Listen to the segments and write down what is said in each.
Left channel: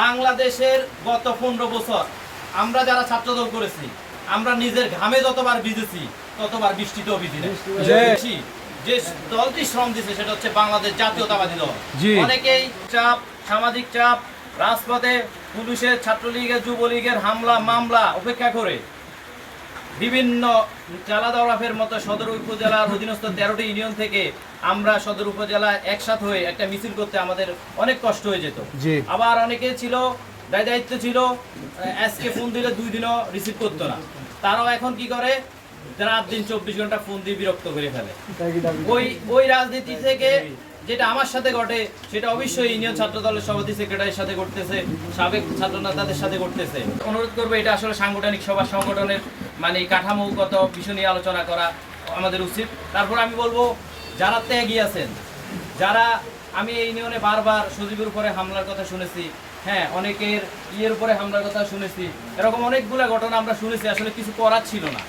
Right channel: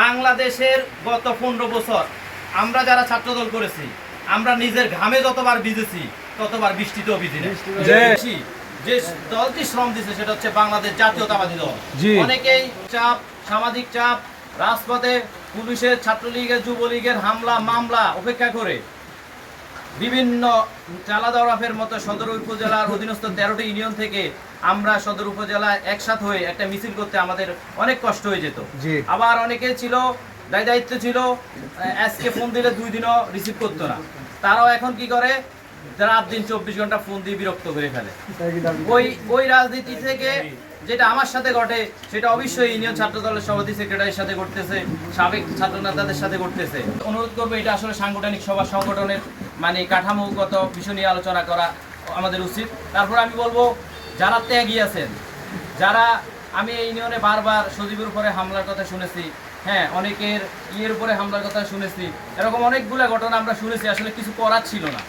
বাংলাদেশের গত পনেরো বছর আমরা যারা ছাত্রদল করেছি আমরা নিজের ঘামে যতবার ভিজেছি ততবার বৃষ্টিতেও ভিজি যে দলটি শ্রম দিছে সেটা হচ্ছে বাংলাদেশ জাতীয়তাবাদী দল। অনেকেই চাপ সামাজিক চাপ রাজপথে পুলিশের ছাত্রলীগের যুবলীগের হামলা মামলা অপেক্ষা করে বিভিন্ন চালা দরাফের মতো সদর উপজেলার অধীনস্থ তেরোটি ইউনিয়ন থেকে আমরা সদর উপজেলা একসাথ হয়ে একটা মিছিল করতে আমাদের অনেক কষ্ট হয়ে যেত। আবার অনেকে ছিল দায় দায়িত্ব ছিল আজকে ফোন দিলে দুই দিনও রিসিভ করতো না। তারাও এখন কি করে? রাত দিন চব্বিশ ঘণ্টা ফোন দিয়ে বিরক্ত করে ফেলে। ওই ওই রাজনীতি থেকে যেটা আমার সাথে ঘটে সেটা অবশ্যই ইউনিয়ন ছাত্র দলের সভাপতি সেক্রেটারির সাথে ঘটতেছে সাবেক ছাত্র নেতাদের সাথে ঘটতেছে। অনুরোধ করব এটা আসলে সাংগঠনিক সভা সংগঠনের মানে কাঠামোগত বিষয় নিয়ে আলোচনা করা আমাদের উচিত। তারপর আমি বলব যারা ত্যাগী আছেন যারা আমি এই ইউনিয়নে বারবার সজীবের উপরে হামলার কথা শুনেছি হ্যাঁ অনেকের ইয়ের উপরে হামলার কথা শুনেছি এরকম অনেকগুলো ঘটনা আমরা শুনেছি আসলে কিছু করার ছিল না।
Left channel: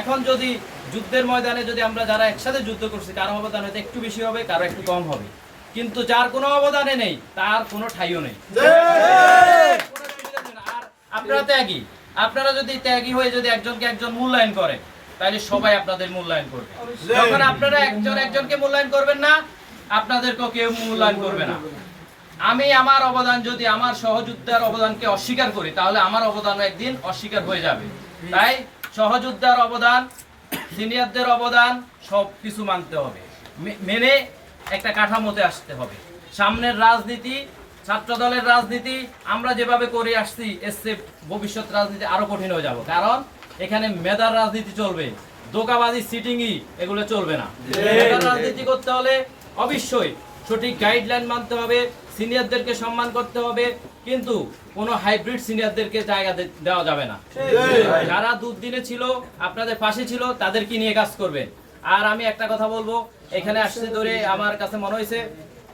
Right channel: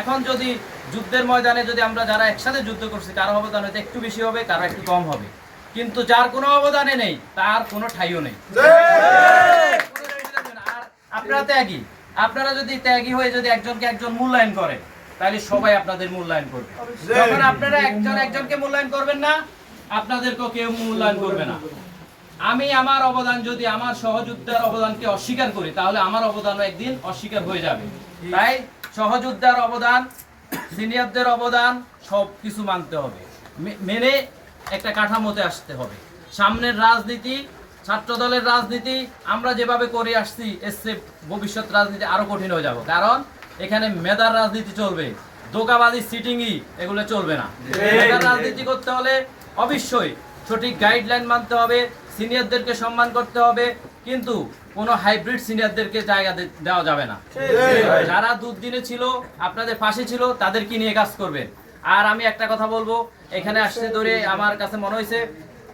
এখন যদি যুদ্ধের ময়দানে যদি আমরা যারা একসাথে যুদ্ধ করছি কারও অবদান হয়তো একটু বেশি হবে কারও একটু কম হবে। কিন্তু যার কোনো অবদানে নেই তার কোনো ঠাইও নেই। আর আপনারা ত্যাগী। আপনারা যদি ত্যাগী হয়ে যদি একজনকে একজন মূল্যায়ন করেন তাহলে সবাই আপনাদের মূল্যায়ন করবে। যখন আপনারা একজন একজনকে মূল্যায়ন করবেন না আপনাদেরকেও কেউ মূল্যায়ন করবে না। আমি আমার অবদান যদি আমার সহযোদ্ধার অবদানকে অস্বীকার করি তাহলে আমার অবদান একদিন অস্বীকার হয়ে যাবে। তাই সহযোদ্ধার অবদান সিনিয়রদের অবদান সব কিছু মানতে হবে। মেনে একটা কাঠামোতে আসতে হবে। সামনের রাজনীতি ছাত্র দলের রাজনীতি আমরা যেভাবে করে আসছি এসছে ভবিষ্যৎ রাজনীতি আরও কঠিন হয়ে যাব। কারণ এখানে মেধার রাজনীতি চলবে দোকাবাজি সিটিংই এগুলো চলবে না। মেধার রাজনীতি করতে হলে অবশ্যই সঠিক গাইডলাইন মানতে হবে সিনিয়রদেরকে সম্মান করতে হবে কিন্তু কোনো হাইব্রিড সিনিয়রদেরকে জায়গা দেওয়া যাবে না। যারা দুদিনে ছিল আপনাদের পাশে ছিল তাদেরকে নিয়ে কাজ করবেন। আর আমি একটা কথা বলব এখানে আসতে ধরে আমার কাছে মনে হয়েছে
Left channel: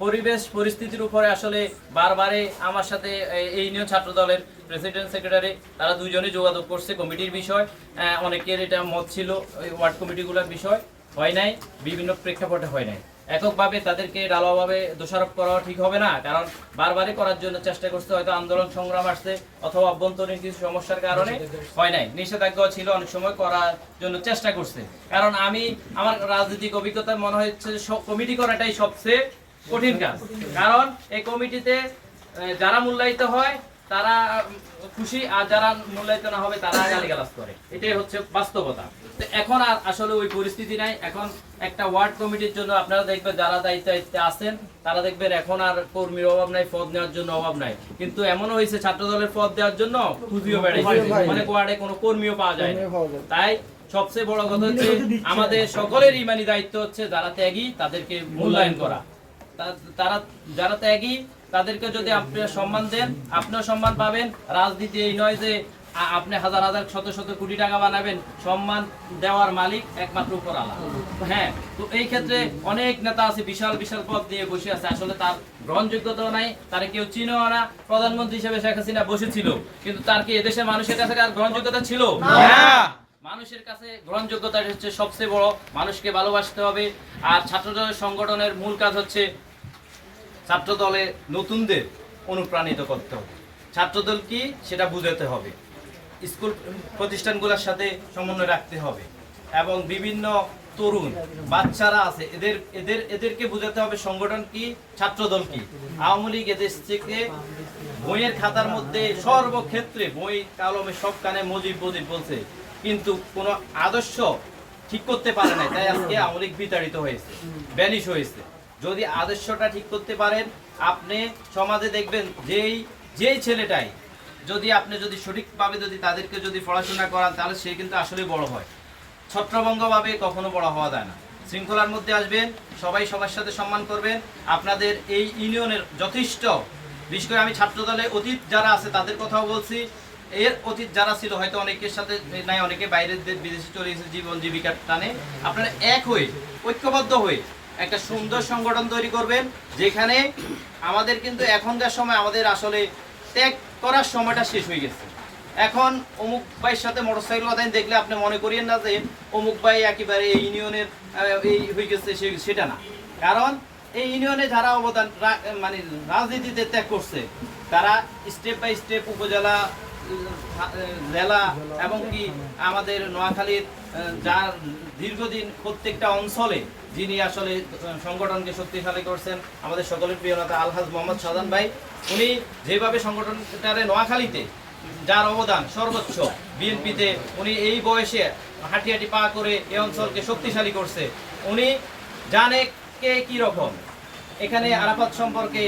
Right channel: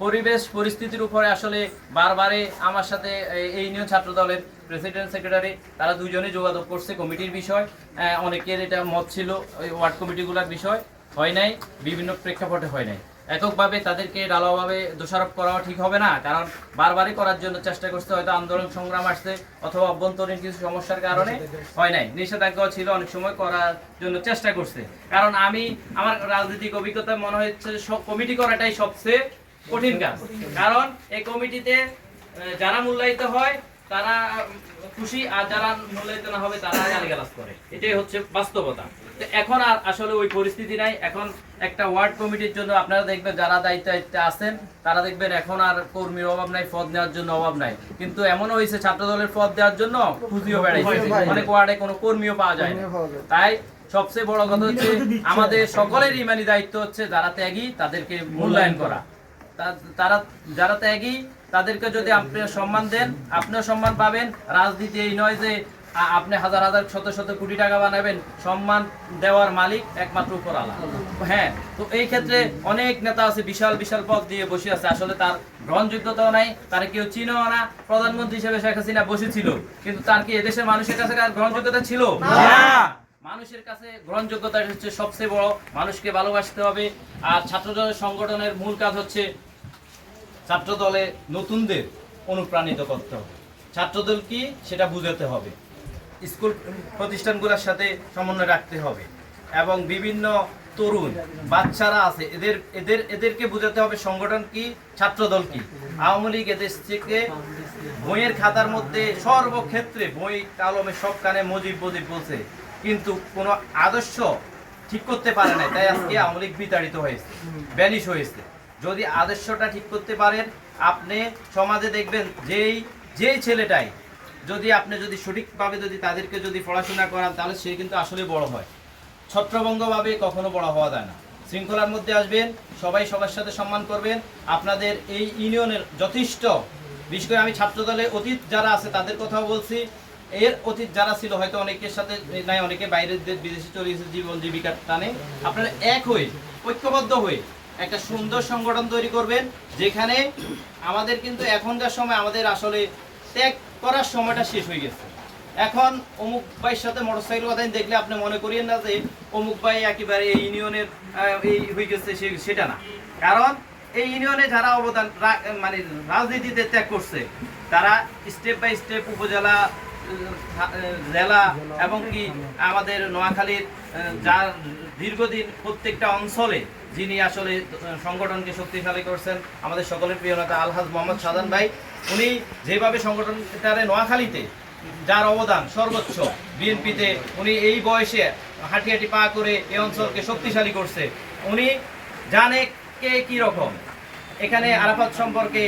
পরিবেশ, পরিস্থিতির উপরে আসলে বারবারে আমার সাথে এই- ইউনিয়ন ছাত্র দলের প্রেসিডেন্ট সেক্রেটারি তারা দুইজনে যোগাযোগ করছে কমিটির বিষয়। অনেকের এটা মত ছিল, ওই ওয়ার্ড কমিটিগুলোর বিষয়। হয় নাই, বিভিন্ন প্রেক্ষাপটে হয় নাই। এককভাবে তাদেরকে ডালাভাবে দোষারোপ করাও ঠিক হবে না, কারণ বারবারই করার জন্য চেষ্টা করছে, হয়তো আন্দোলন সংগ্রাম আসছে, অথবা অভ্যন্তরীণ কিছু সমস্যার কারণে হয় নাই। নিষেধাজ্ঞা ছিল, অনেক সময় করার জন্য চেষ্টা করছে। কারণ আমি, আমার রাজনৈতিক অভিজ্ঞতা মনে হচ্ছে কমিটি করাটাই সবচেয়ে কঠিন কাজ। কারণ এই কমিটিতে যারা মূল্যায়িত হয় তারা খুশি আর যারা মূল্যায়িত না হবে তারা গালিগালাজ করে। এটাই হচ্ছে বাস্তবতা। তো এখন আর আসলে ওই পরিস্থিতি নাই। এখন একটা ওয়ার্ড কমিটির জন্য আপনারা দেখবেন যারা দায়িত্ব আছেন তারা দেখবেন এখন আর কর্মীর অভাব নাই পদ নেওয়ার জন্য অভাব নাই। কিন্তু এমনও হয়েছে ছাত্র দলের পদ দেওয়ার জন্য খুঁজিও বেড়াইছে অনেক ওয়ার্ডে কোনো কর্মীও পাওয়া যায়। তাই সবচেয়ে বড় কথা হচ্ছে আমাদের সকলের ইমানি দায়িত্ব হচ্ছে যারা ত্যাগী তাদেরকে মূল্যায়ন করা। তারা যারা ত্যাগী তাদেরকে যদি আপনি সম্মান দেন আপনিও সম্মান পাবেন। রাজনীতি এই নয় যে আপনি হাজার হাজার শত শত কোটি টাকা বানাবেন। সম্মান দেওয়ার মালিক একমাত্র উপর আলা হ্যাঁ তো এই ক্ষেত্রে অনেক নেতা আছে বিশাল বিশাল পদ দিয়ে বসে আছে। আসলে তার গ্রহণযোগ্যতাও নাই তার কেউ চিনেও না। প্রধানমন্ত্রী হিসেবে শেখ হাসিনা বসেছিল কিন্তু তার কি এদেশের মানুষের কাছে কার গ্রহণযোগ্যতা ছিল? না। মানুষের কাছে গ্রহণযোগ্যতা হচ্ছে সবচেয়ে বড়। মানুষকে ভালোবাসতে হবে। আর ছাত্র সংগঠনের মূল কাজ হচ্ছে ছাত্র দলে নতুনদের অনুপ্রাণিত করতে হবে। ছাত্রদল কি? সেটা বুঝাতে হবে। স্কুল প্রতিষ্ঠানগুলোর সাথে সমন্বয় রাখতে হবে এবং বিভিন্ন তরুণ, বাচ্চারা আছে, এদের এদের, এদেরকে বোঝাতে হবে সংগঠন কি, ছাত্রদল কি। আওয়ামী লীগ এদেশ থেকে বইয়ের খাতার মধ্যে সর্বক্ষেত্রে বই, কালমে সব কানে মজিব মজিব বলছে, কিন্তু কোনো আদর্শ ঠিক করতে পারে না তাই আজকে আওয়ামী লীগ বিতাড়িত হয়েছে ব্যালিশ হয়েছে। যদি আদর্শটা ঠিক করতে পারেন, আপনি সমাজে দেখবেন যেই যেই ছেলেটাই যদি আপনি যদি সঠিকভাবে যদি তাদেরকে যদি পড়াশোনা করান, তাহলে সে কিন্তু আসলে বড় হয়। ছত্রভঙ্গভাবে কখনো বড় হওয়া যায় না। শৃঙ্খলার মধ্যে আসবেন, সবাই সবার সাথে সম্মান করবেন। আপনাদের এই ইউনিয়নের যথেষ্ট, বিশেষ করে আমি ছাত্র দলে অতীত যারা আছে, তাদের কথাও বলছি। এর অতীত যারা ছিল, হয়তো অনেকের সাথে নাই, অনেকে বাইরের দেশ, বিদেশে চলে গেছে জীবন জীবিকার টানে। আপনারা এক হয়ে, ঐক্যবদ্ধ হয়ে একটা সুন্দর সংগঠন তৈরি করবেন, যেখানে আমাদের কিন্তু এখনকার সময় আমাদের আসলে ত্যাগ করার সময়টা শেষ হয়ে গেছে। এখন অমুক ভাইয়ের সাথে মোটরসাইকেল কথা দেখলে আপনি মনে করিয়েন না যে অমুক ভাই একেবারে এই ইউনিয়নের এই হয়ে গেছে সেটা না। কারণ এই ইউনিয়নে যারা অবদান মানে রাজনীতিতে ত্যাগ করছে, তারা স্টেপ বাই স্টেপ উপজেলা জেলা এবং কি আমাদের নোয়াখালীর যার দীর্ঘদিন প্রত্যেকটা অঞ্চলে যিনি আসলে সংগঠনকে শক্তিশালী করছেন, আমাদের সকলের প্রিয় নেতা আলহাজ মোহাম্মদ সাদান ভাই, উনি যেভাবে সংগঠনটারে নোয়াখালীতে যার অবদান সর্বোচ্চ বিএনপিতে, উনি এই বয়সে হাঁটি হাঁটি পা করে এই অঞ্চলকে শক্তিশালী করছে, উনি জানে কে কি রকম? এখানে আরাফাত সম্পর্কে,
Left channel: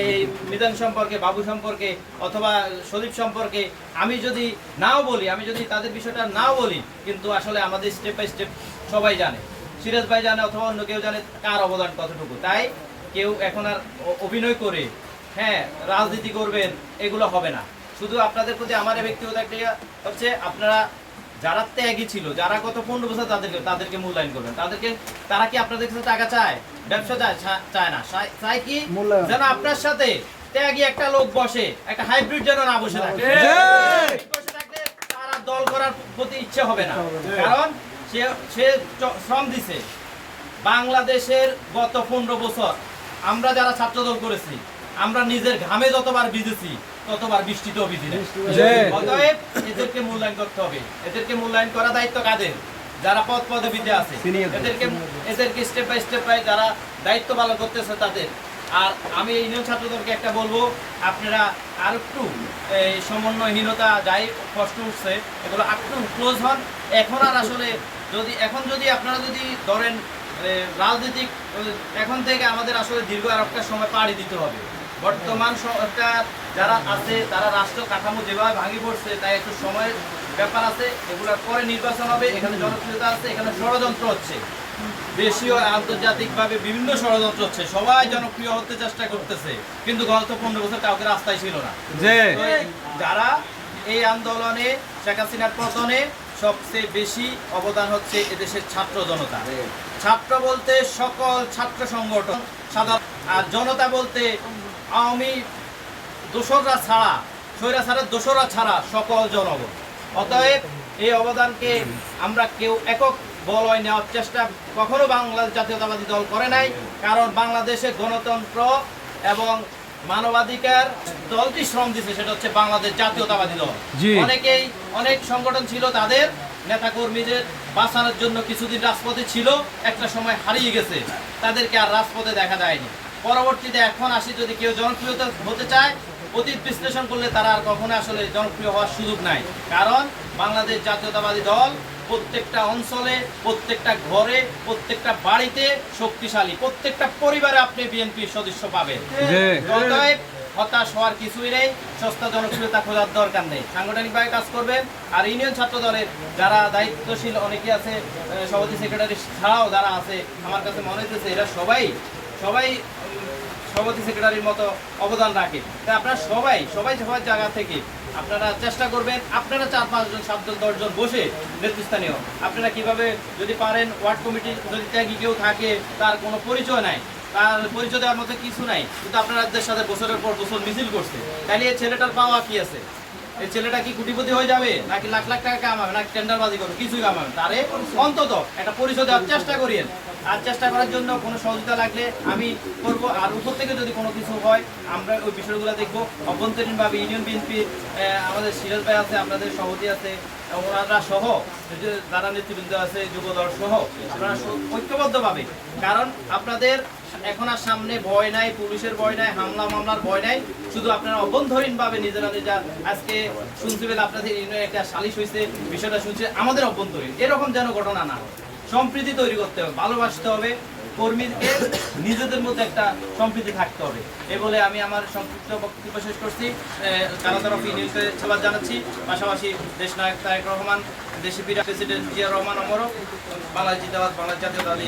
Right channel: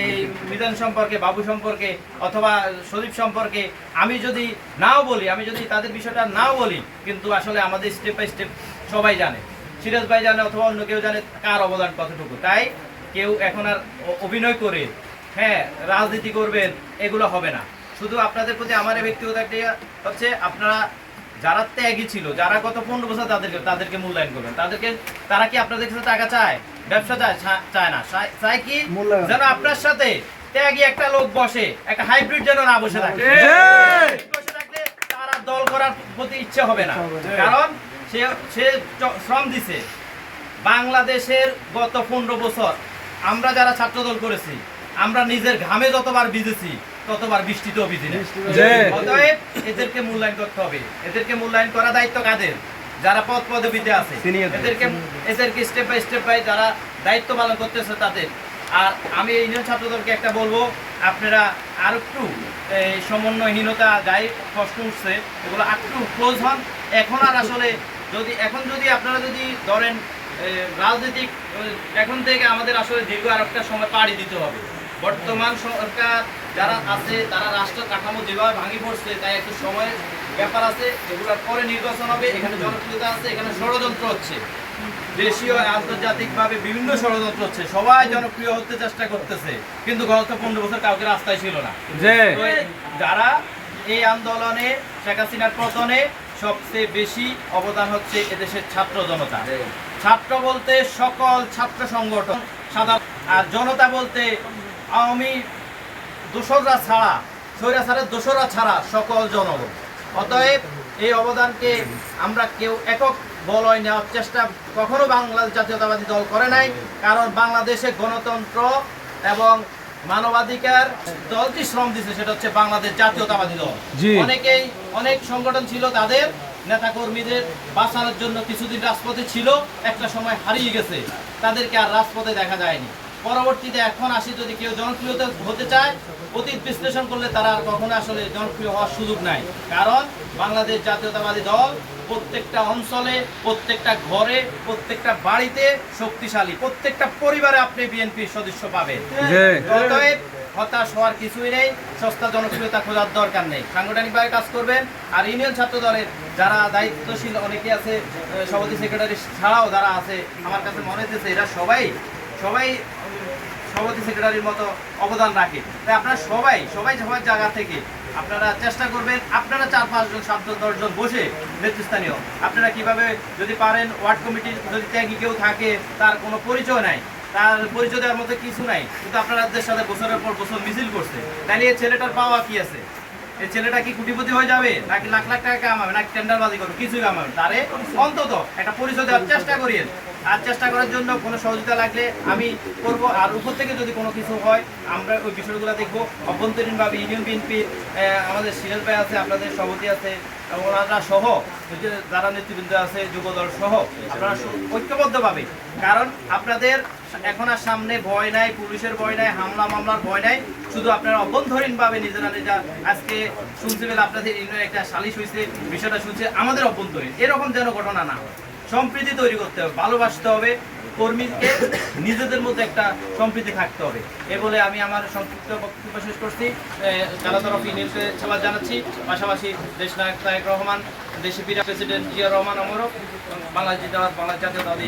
এই মিজান সম্পর্কে, বাবু সম্পর্কে, অথবা সদীপ সম্পর্কে আমি যদি নাও বলি, আমি যদি তাদের বিষয়টা নাও বলি, কিন্তু আসলে আমাদের স্টেপ বাই স্টেপ সবাই জানে। সিরাজ ভাই জানে অথবা অন্য কেউ জানে কার অবদান কতটুকু। তাই কেউ এখন আর অভিনয় করে হ্যাঁ রাজনীতি করবেন, এগুলো হবে না। শুধু আপনাদের প্রতি আমার ব্যক্তিগত একটা হচ্ছে, আপনারা যারা ত্যাগী ছিল, যারা গত পনেরো বছর তাদেরকে তাদেরকে মূল্যায়ন করবেন। তাদেরকে, তারা কি আপনাদের কাছে টাকা চায়? ব্যবসা চায় না। চায়- চায় কি? যেন আপনার সাথে ত্যাগী একটা লোক বসে একটা হাইব্রিড যেন না বসে থাকে। বসে থাকলে তার আর দল করার প্রতি ইচ্ছে হবে না। কারণ সে সে শ্রম দিছে। বাংলাদেশের গত পনেরো বছর আমরা যারা ছাত্রদল করেছি আমরা নিজের ঘামে যতবার ভিজেছি ততবার বৃষ্টিতেও ভিজি না অতএব এদেরকে মূল্যায়ন করতে হবে। এদেরকে মূল্যায়ন করা দায়িত্ব কাদের? যারা পদ পদবিতে আছে। এদেরকে এদেরকে স্টেপ বাই স্টেপ বাই যারা দায়িত্ব পালন করতেছে তাদের। আর আমি এই ইউনিয়ন ছাত্রদলকে একটা বলব, আপনারা আর একটু সমন্বয়হীনতা যাই কষ্ট উঠছে, এগুলো আর একটু ক্লোজ হন। এখন আর আসলে যদি, এখন যদি আপনারা যদি ধরেন রাজনৈতিক এখন থেকে আমাদের আসলে দীর্ঘ আর একটা সময় পাড়ি দিতে হবে। বর্তমান সরকার যারা আছে, তারা রাষ্ট্র কাঠামো যেভাবে ভাঙি পড়ছে, তাই একটু সময়ের ব্যাপার আছে। এগুলোর পরে নির্বাচন হবে, এখানে জনপ্রিয়তা আছে, এখানে ষড়যন্ত্র হচ্ছে। দেশীয় আন্তর্জাতিকভাবে বিভিন্ন ষড়যন্ত্র হচ্ছে। সবাই জনপ্রিয় হতে চেষ্টা করতেছে কিন্তু গত পনেরো বছর কাউকে রাস্তায় ছিল না। যারা এই আন্দোলনে শেখ হাসিনার পতনে সবচেয়ে বেশি অবদান হচ্ছে এদেশের ছাত্র জনতা। ছাত্র বলতে সকল ছাত্র সংগঠন সাধারণ আর জনতা বলতে আওয়ামী দোসররা ছাড়া স্বৈরাচারের দোসররা ছাড়া সকল জনগণ। অতএব এই অবদানকে আমরা কেউ একক বলয় নেওয়ার চেষ্টা কখনো বাংলাদেশ জাতীয়তাবাদী দল করে নাই কারণ বাংলাদেশে গণতন্ত্র এবং মানবাধিকার দলটি শ্রম দিছে সেটা হচ্ছে বাংলাদেশ জাতীয়তাবাদী দল। অনেকেই অনেক সংগঠন ছিল তাদের নেতাকর্মীদের বাঁচানোর জন্য কিছুদিন রাজপথে ছিল একটা সময় হারিয়ে গেছে তাদেরকে আর রাজপথে দেখা যায়নি। পরবর্তীতে এখন আসি যদি কেউ জনপ্রিয়তা হতে চায় অতীত বিশ্লেষণ করলে তারা আর কখনো আসলে জনপ্রিয় হওয়ার সুযোগ নাই কারণ বাংলাদেশ জাতীয়তাবাদী দল প্রত্যেকটা অঞ্চলে প্রত্যেকটা ঘরে প্রত্যেকটা বাড়িতে শক্তিশালী। প্রত্যেকটা পরিবারে আপনি বিএনপির সদস্য পাবেন। অতএব হতাশ হওয়ার কিছুই নেই সস্তা জনপ্রিয়তা খোঁজার দরকার নেই। সাংগঠনিকভাবে কাজ করবেন আর ইউনিয়ন ছাত্র দলের যারা দায়িত্বশীল অনেকে আছে সভাপতি সেক্রেটারি ছাড়াও যারা আছে আমার কাছে মনে হচ্ছে এরা সবাই সবাই সভাপতি সেক্রেটারির মতো অবদান রাখে। তাই আপনারা সবাই সবাই সবাই জায়গা থেকে আপনারা চেষ্টা করবেন আপনারা চার পাঁচজন সাতজন দশজন বসে নেতৃস্থানীয়। আপনারা কীভাবে যদি পারেন ওয়ার্ড কমিটির যদি ত্যাগী কেউ থাকে, তার কোনো পরিচয় নাই, তার পরিচয় দেওয়ার মতো কিছু নাই, কিন্তু আপনারা সাথে বছরের পর বছর মিছিল করছে। তাহলে এই ছেলেটার পাওয়া কি আছে? এই ছেলেটা কি কুটিপতি হয়ে যাবে? নাকি লাখ লাখ টাকা কামাবে? নাকি টেন্ডারবাজি করবে? কিছুই কামাবে তারে অন্তত একটা পরিচয় দেওয়ার চেষ্টা করিয়েন। আর চেষ্টা করার জন্য কোনো সহযোগিতা লাগলে আমি করব। আর উপর থেকে যদি কোনো কিছু হয়, আমরা ওই বিষয়গুলো দেখব। অভ্যন্তরীণভাবে ইউনিয়ন বিএনপি আমাদের সিরাজ ভাই আছে আপনাদের সভাপতি আছে ওনারা সহ যে যারা নেতৃবৃন্দ আছে যুবদল সহ, আপনারা ঐক্যবদ্ধভাবে। কারণ আপনাদের এখন আর সামনে ভয় নাই, পুলিশের ভয় নাই, হামলা মামলার ভয় নাই। শুধু আপনারা অভ্যন্তরীণ পাবে নিজেরা নিজেরা আজকে পেলে আপনাদের একটা সালিশ হয়েছে বিষয়টা শুনছে, আমাদের অভ্যন্তরীণ। এরকম যেন ঘটনা না হয়। সম্প্রীতি তৈরি করতে হবে, ভালোবাসতে হবে কর্মীকে, নিজেদের মধ্যে একটা সম্প্রীতি থাকতে হবে। এ বলে আমি আমার সংক্ষিপ্ত বক্তব্য শেষ করছি। কারা তরফ ইউনিয়নকে সবার জানাচ্ছি। পাশাপাশি দেশ নায়ক তায়ক রহমান, দেশে প্রেসিডেন্ট জিয়া রহমান অমরক, বাংলাদেশ বাংলাদেশ জাতীয়তাবাদী